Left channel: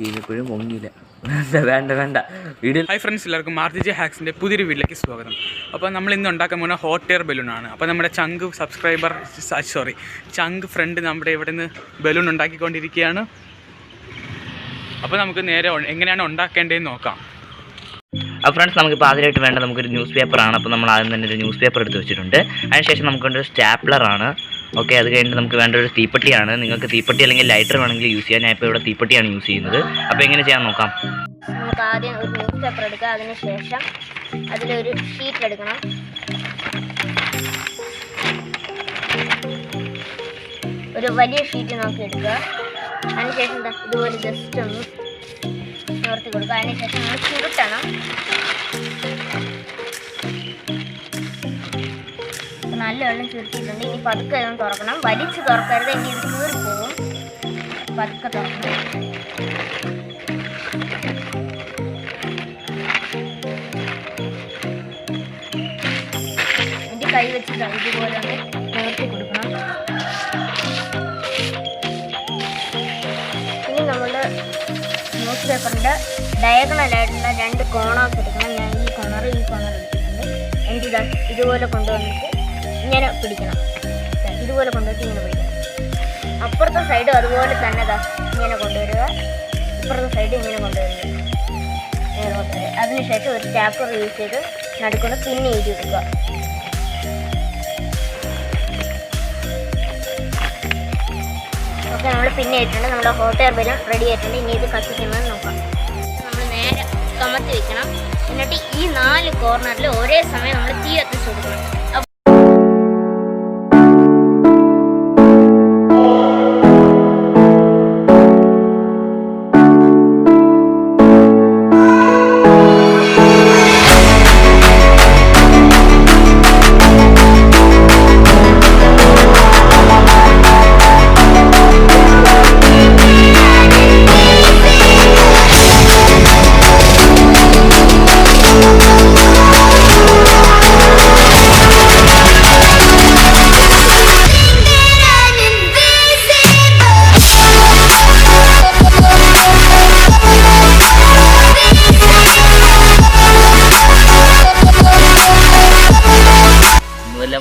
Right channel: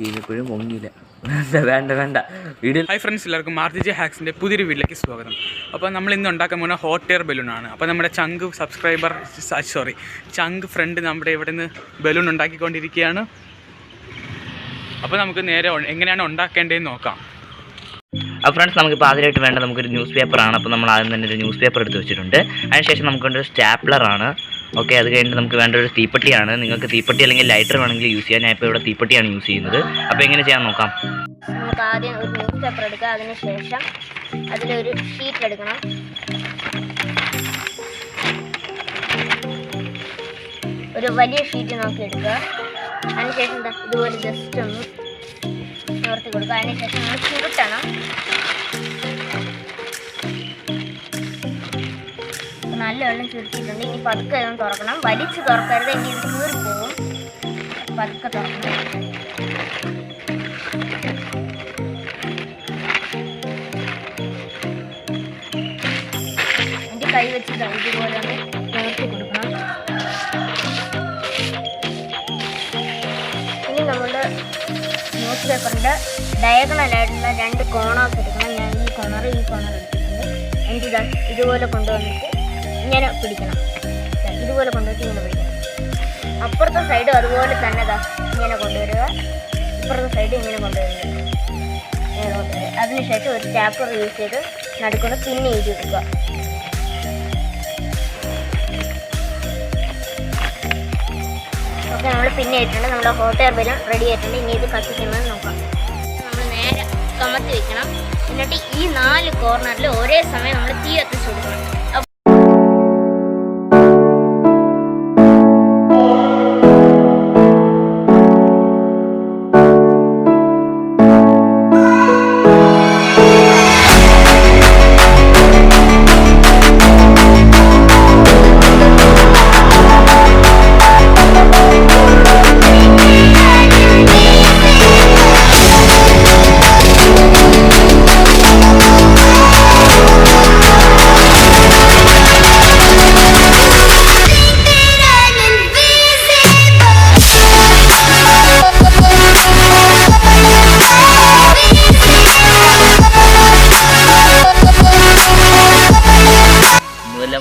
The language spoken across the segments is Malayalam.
ചെയ്തപ്പോഴും പൊങ്ങിയില്ല. വേണ്ട വീഡിയോ. ഹായ് ഫ്രണ്ട്സ്, എല്ലാവർക്കും മാർജിജി ഹാക്സിൻ്റെ പുതിയൊരു വീഡിയോയിലേക്ക് സ്വാഗതം. അപ്പോൾ നമ്മൾ ഇന്ന് ഉണ്ടാക്കാൻ പോകുന്ന ഹോട്ട് എയർ ബലൂണാണ്. അപ്പോൾ നമ്മുടെ ചങ്ക് ഫ്രണ്ട് നമ്മുടെ ഇവിടെ നിന്ന് ബലൂൺ ഉണ്ടാക്കിക്കൊണ്ടിരിക്കുകയാണ്. അപ്പോൾ നമുക്ക് നേരെ എങ്ങനെയാണ് ഉണ്ടാക്കേണ്ടതെന്ന് നോക്കാം. അപ്പോൾ ഫ്രണ്ട്സ്, നമുക്കിപ്പോൾ ആദ്യമായിട്ട് വേണ്ട നമുക്കൊരു ന്യൂസ് പേപ്പറാണ്. അപ്പോൾ നമ്മൾ ആദ്യം തന്നെ ഒരു ന്യൂസ് പേപ്പർ എടുത്ത് വെച്ചിട്ടുണ്ട്. അതിനുശേഷം നമുക്ക് വേണ്ട ഒരു സ്റ്റാപ്ലറാണ്. ഓക്കെ, അത് കഴിഞ്ഞിട്ട് നമുക്ക് വേണ്ട ഒരു തീപ്പെട്ടിയാണ്. നിങ്ങൾക്ക് തീപ്പെട്ടി അല്ലെങ്കിൽ ലൈറ്റർ വേണമെങ്കിൽ യൂസ് ചെയ്യാൻ. ഞാൻ ഇപ്പോൾ ഇവിടെ തീപ്പെട്ടിയാണ് യൂസ് ചെയ്യുന്നത്. അപ്പോൾ എങ്ങനെ ചെയ്യാൻ നോക്കാം. നമുക്ക് ആദ്യം ഒരു ന്യൂസ് പേപ്പർ എടുക്കുക. അതിനുശേഷം അതിലൊരു ഷീറ്റ് എടുക്കണം. ഒരു വലിയ ഷീറ്റ് നോക്കി എടുക്കുക. അതിനുശേഷം ഇതുപോലെ ജസ്റ്റ് ഒന്ന് നിവർത്തി കൊടുക്കുക. അതിനുശേഷം നമ്മൾ ചുരുട്ടണം. നല്ല വെള്ളം ചുരുട്ടിയിട്ടുണ്ട്. ഇനി പതുക്കെ ഇതൊന്ന് തുറക്കണം. വലിച്ച് തുറക്കരുത്, ഇനി ഇത് കീറിപ്പോവും. പതുക്കെ തുറക്കണം. എൻ്റെ കൈ വെച്ച് ഇതുപോലെ ഒന്ന് നിവർത്തി കൊടുക്കണം. ഇനി നമ്മുടെ ന്യൂസ് പേപ്പറിൻ്റെ ഡയഗണലായിട്ടുള്ള രണ്ട് കോണേഴ്സ് എടുക്കണം. ഞാൻ ഈ കോണർ എടുത്തിട്ടുണ്ട്. എന്നിട്ട് ഇതുപോലെ കൊണ്ടുവന്നിട്ട് ഇങ്ങനെ പിടിക്കണം. ഇതുപോലെ കൊണ്ടുവന്നിട്ട് ഇങ്ങനെ പിടിക്കണം. അപ്പുറത്തെ സൈഡ് അതുപോലെ തന്നെ ഇങ്ങനെ കൊണ്ടുവരിക. ഇപ്പുറത്തെ സൈഡ് ഇങ്ങനെ കൊണ്ടുവരിക. അതിനുശേഷം ഒരു സ്റ്റാപ്ലർ യൂസ് ചെയ്ത് നടുക്കൊണ്ട് പിന്നെ എഴുതി കൊടുക്കുക. ഓക്കെ, നമ്മൾ പിന്നെ ഇട്ടിട്ടുണ്ട്. നമ്മുടെ ഹോട്ട് എയർ ബലൂൺ റെഡി ആയിട്ടുണ്ട്. ഇനി ഇത് കത്തിക്കുന്നത് നോക്കാം. നമ്മൾ നേരെ കമത്തി വെക്കണം. എന്നിട്ട് ഈ 4 കോർണറിൽ ഒരേ സമയം നമ്മൾ തീ കത്തിച്ച് കൊടുക്കണം.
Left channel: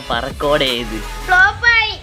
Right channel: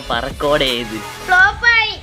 പറക്കോടെ ചെയ്ത് ഫ്ലോപ്പായി.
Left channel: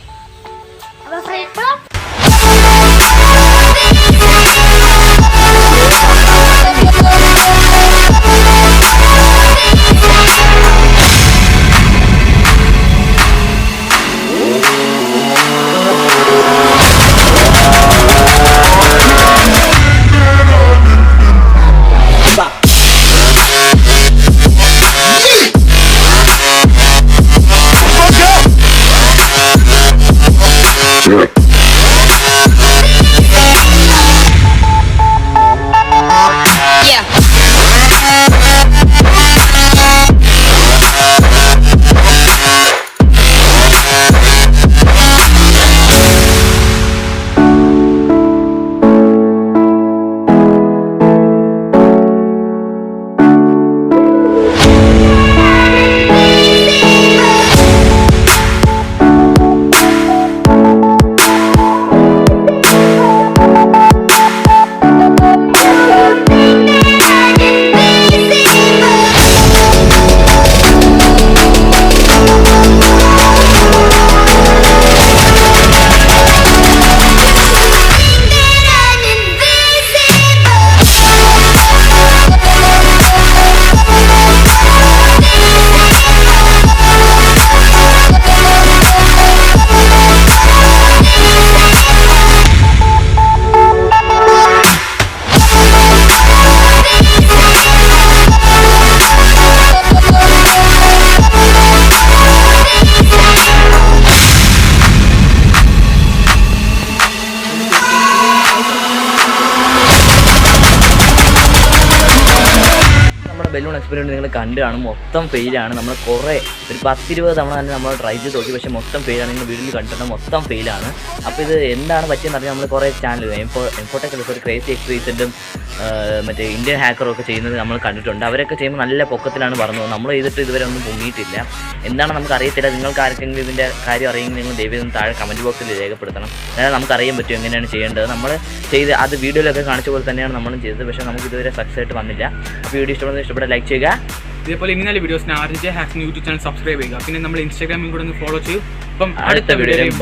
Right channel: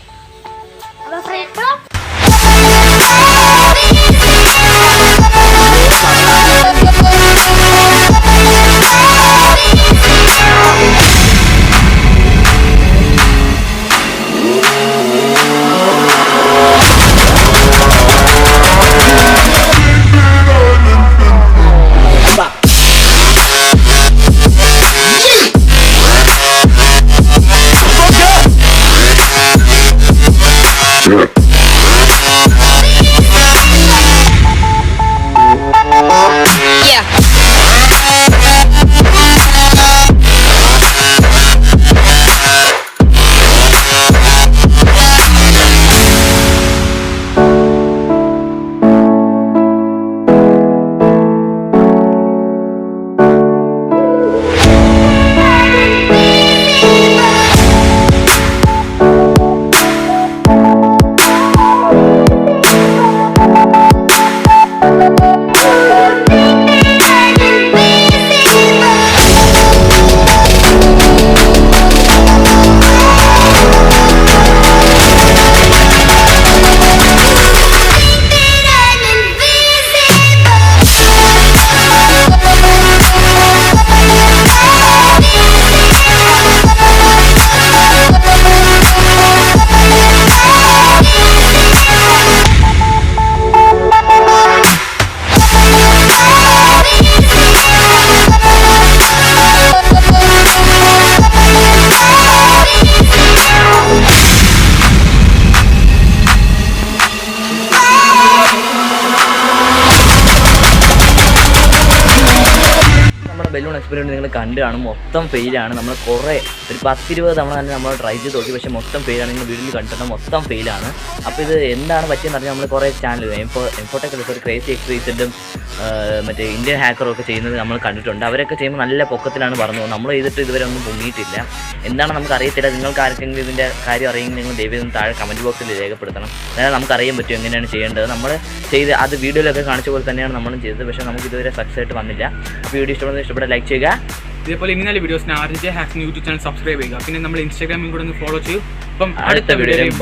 എക്സ്പെരിമെൻറ്റ് നിങ്ങൾ കണ്ടു കാണും. മൊത്തം ഫെയിലാണ്. നമ്മൾ കുറേ ഒരു 10-20 തവണ തന്നെ നമ്മൾ ട്രൈ ചെയ്ത് നോക്കി, പക്ഷേ മൊത്തം ഫെയിലാണ്. നിങ്ങൾ വീഡിയോയിൽ കണ്ടിട്ട് മൊത്തം ഫെയിലാണ്. അപ്പോൾ ഇത് എന്താണ് പറ്റിയെന്ന് പറഞ്ഞാൽ നമ്മൾ കുറേ ചാനൽ എംഫോട്ടൊക്കെ ഒരു ക്രേസി എക്സ്പീരിയൻസും മറ്റേ ഇന്ത്യൻ ഹാക്കറും ഒക്കെ ചെയ്യുന്നത് നമ്മൾ കണ്ടിട്ടുണ്ട്. അവരൊക്കെ ചെയ്യുമ്പോൾ നല്ല പൊക്കത്തിലാണ് പറഞ്ഞത്. നമ്മൾ ചെയ്തിട്ട് ഇതുവരെ ഒന്നും പൊങ്ങിയിട്ടില്ല. എന്താണ് നമുക്ക് അറിയത്തില്ല. നിങ്ങൾക്ക് ആർക്കെങ്കിലും ഇതിൻ്റെ കാര്യം അറിയെങ്കിൽ നിങ്ങൾ ദയവായി താഴെ കമൻറ്റ് ബോക്സിൽ രേഖപ്പെടുത്തണം. അതായത് നമുക്കറിയാൻ പറ്റും എങ്ങനെയാണ് ചെയ്യേണ്ടത്. നമ്മൾ ചെയ്ത് അത് വീഡിയോയിലൊക്കെ കാണിച്ച പോലെ തന്നെയാണ് നമ്മളും ചെയ്തത്, പക്ഷേ നമുക്ക് ഇതുവരെ സക്സസ് ആയിട്ട് വന്നില്ല. അപ്പോൾ വീഡിയോ ഇഷ്ടപ്പെട്ട ലൈക്ക് ചെയ്യുക. ഇതേപോലെ ഇനി നല്ല വീഡിയോസിന് RJ hacks YouTube channel subscribe ചെയ്യുക. പിന്നെ നമ്മൾ ഇൻസ്റ്റാഗ്രാമിൽ കൂടെ ഒന്ന് ഫോളോ ചെയ്യും. അപ്പം അടുത്ത വീഡിയോയിൽ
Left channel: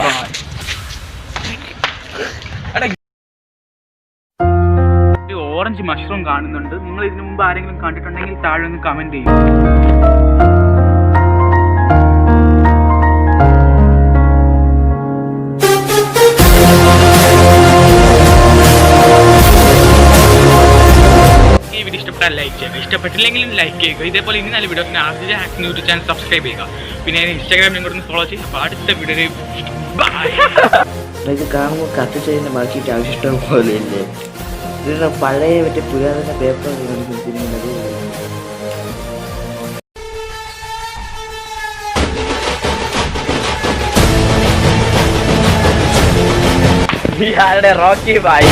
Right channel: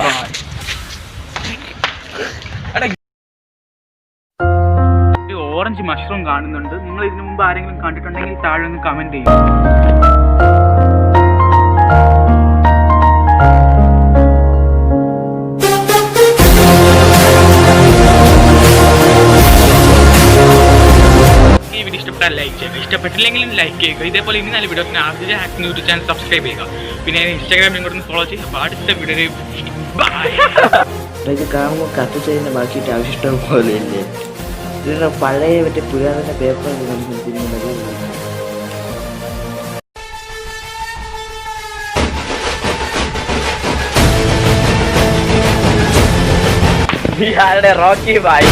ഓറഞ്ച് മഷ്റൂം കാണുന്നുണ്ട്. നിങ്ങൾ ഇതിനു മുമ്പ് ആരെങ്കിലും കണ്ടിട്ടുണ്ടെങ്കിൽ താഴെ ഒന്ന് കമൻറ്റ് ചെയ്യും. ഈ വീഡിയോ ഇഷ്ടപ്പെട്ടാൽ ലൈക്ക് ചെയ്യുക, ഇഷ്ടപ്പെട്ടില്ലെങ്കിലും ലൈക്ക് ചെയ്യുക. ഇതേപോലെ ഇനി നല്ല വീഡിയോസിന് RJ hacks YouTube channel subscribe ചെയ്യുക. പിന്നെ ഇൻസ്റ്റാഗ്രാമിൽ കൂടെ ഒന്ന് ഫോളോ ചെയ്യുക. അപ്പോൾ അടുത്ത വീഡിയോയിൽ ബൈ. ഇത് കാണുമ്പോൾ കട്ട് ചെയ്യുന്ന ബാക്കിയിട്ട് ആവശ്യം പോലെയല്ലേ. ഇതിൻ്റെ പഴയ മറ്റേ പുരാതന പേപ്പർ കാണിക്കുന്നത്. Rocky bye.